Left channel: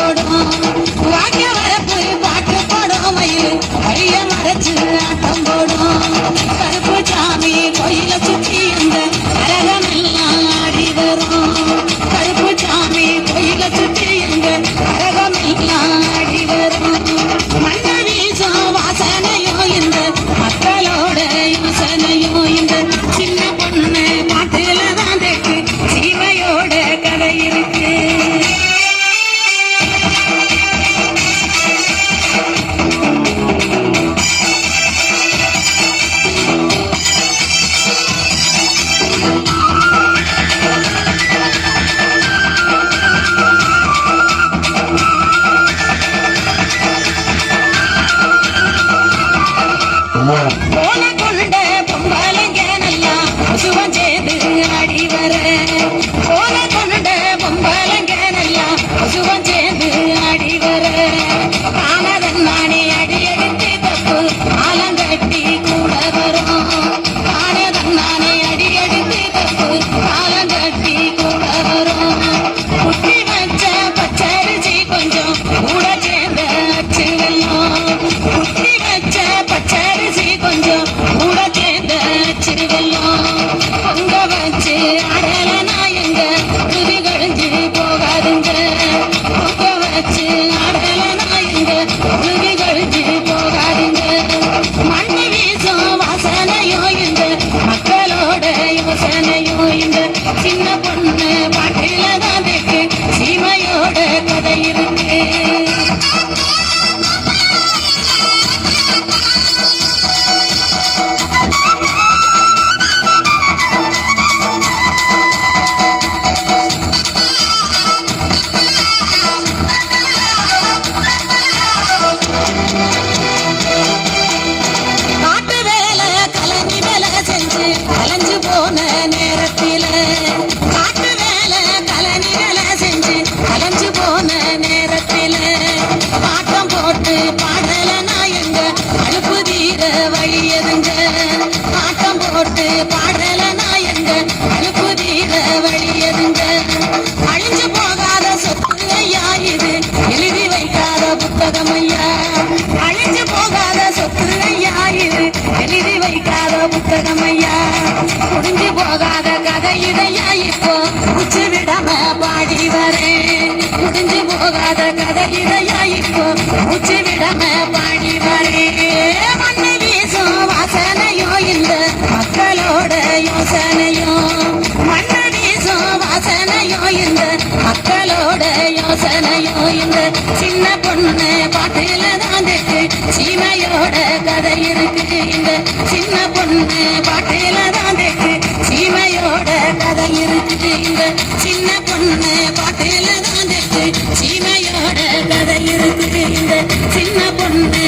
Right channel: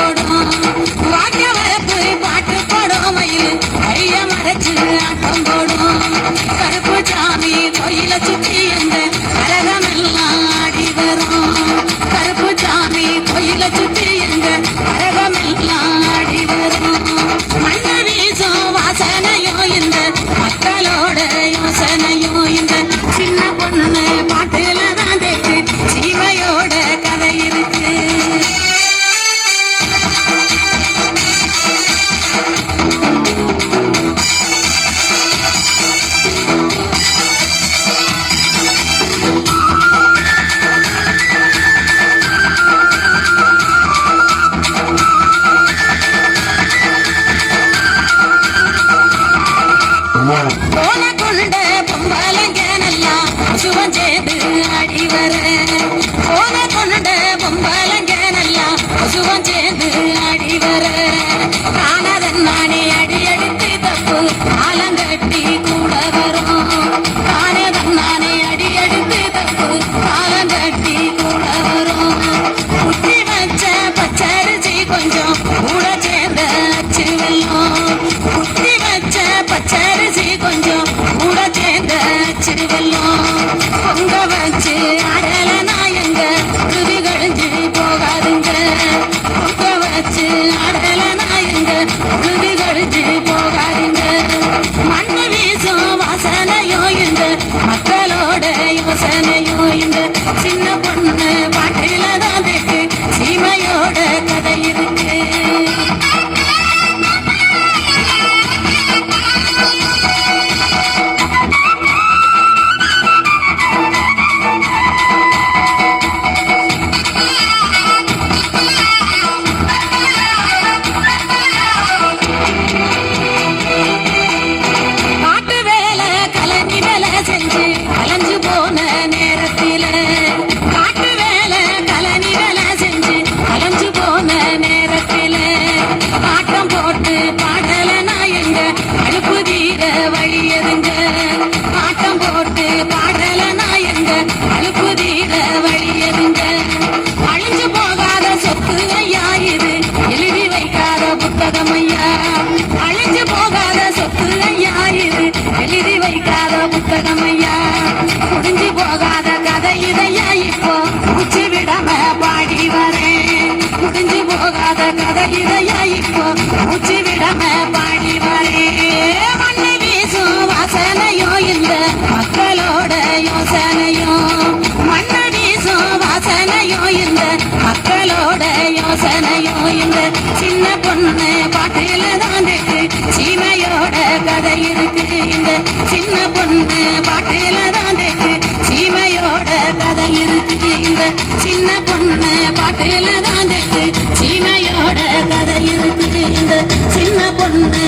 போடும் வாக்க வரப்பு பாட்டு போடும் மயில் கைய மறைச்சு ஆட்டம் போடும் கருப்பு சாமி கோயில சுற்றி இருந்த அரகமெல்லாம் ஆடி வரும் கருப்பு சாமி கோயில சுற்றி இருந்த அரகமெல்லாம் ஆடி வரும் மண்ணை வீசும் வாசனையும் இந்த மக்களோட யோசனையும் இந்த சின்ன பொண்ணு பாட்டுல தான் தெக்கு சீமையோட கதை இருக்கு. போல கொண்ட பொம்பலங்க நல்லா பசுவம் சேர்ந்து ஆடி வர போல கொண்ட பொம்பலங்க நல்லா பசுவம் சேர்ந்து ஆடி வர காணதன் நானே அடி எடுத்து தப்பு ஆலங்கட்டி கூட வரும் காணதன் நானே அடி எடுத்து தப்பு ஆலங்கட்டி கூட வரும் குட்டி வச்ச பச்சரிசி கொஞ்சம் கூட சேர்ந்த அச்சு வெல்லும் குட்டி வச்ச பச்சரிசி கொஞ்சம் கூட சேர்ந்த அச்சு வெல்லும் பொங்க வச்சு அடல நாயங்க துதி கழிஞ்சு போகாதுங்க பொங்க வச்சு அடல நாயங்க துதி கழிஞ்சு போகாதுங்க மண்ணு வீசும் வாசனையோ இந்த மக்களோட யோசனையோ இந்த சின்ன பொண்ணு பாட்டில தான் தெக்கு சீமையோட கதை இருக்கு. காட்டு வேலை கலனி வேலை செஞ்சு கலைஞ்சு போன நேரத்தில காட்டு வேலை கலனி வேலை செஞ்சு கலைஞ்சு போன நேரத்தில காட்டம் போட்டு பாடல நாயங்க அழுப்பு தீர வழி எதுங்க காட்டம் போட்டு பாடல நாயங்க அழுப்பு தீர வழி எதுங்க அழிஞ்சு போகாத சொத்து ஐயா இது எழுதி வைக்காத புத்தகம் ஐயா அழிஞ்சு போகாத சொத்து ஐயா இது எழுதி வைக்காத புத்தகம் ஐயா முடிஞ்சு போகாத கதை இதையா இப்போ உச்சி விடாம பாடி வரேன் முடிஞ்சு போகாத கதை இதையா இப்போ உச்சி விடாம பாடி வரேன் மண்ணு வீசும் வாசனையோ இந்த மக்களோட யோசனையோ மண்ணு வீசும் வாசனையோ இந்த மக்களோட யோசனையோ இந்த சின்ன பொண்ணு பாட்டில தான் தெக்கு சீமையோட கதை இருக்கு இந்த சின்ன பொண்ணு பாட்டில தான் தெக்கு சீமையோட கதை இருக்கு இந்த சின்ன பொண்ணு பாட்டில தான் தெக்கு சீமையோட கதை இருக்கு இந்த சின்ன பொண்ணு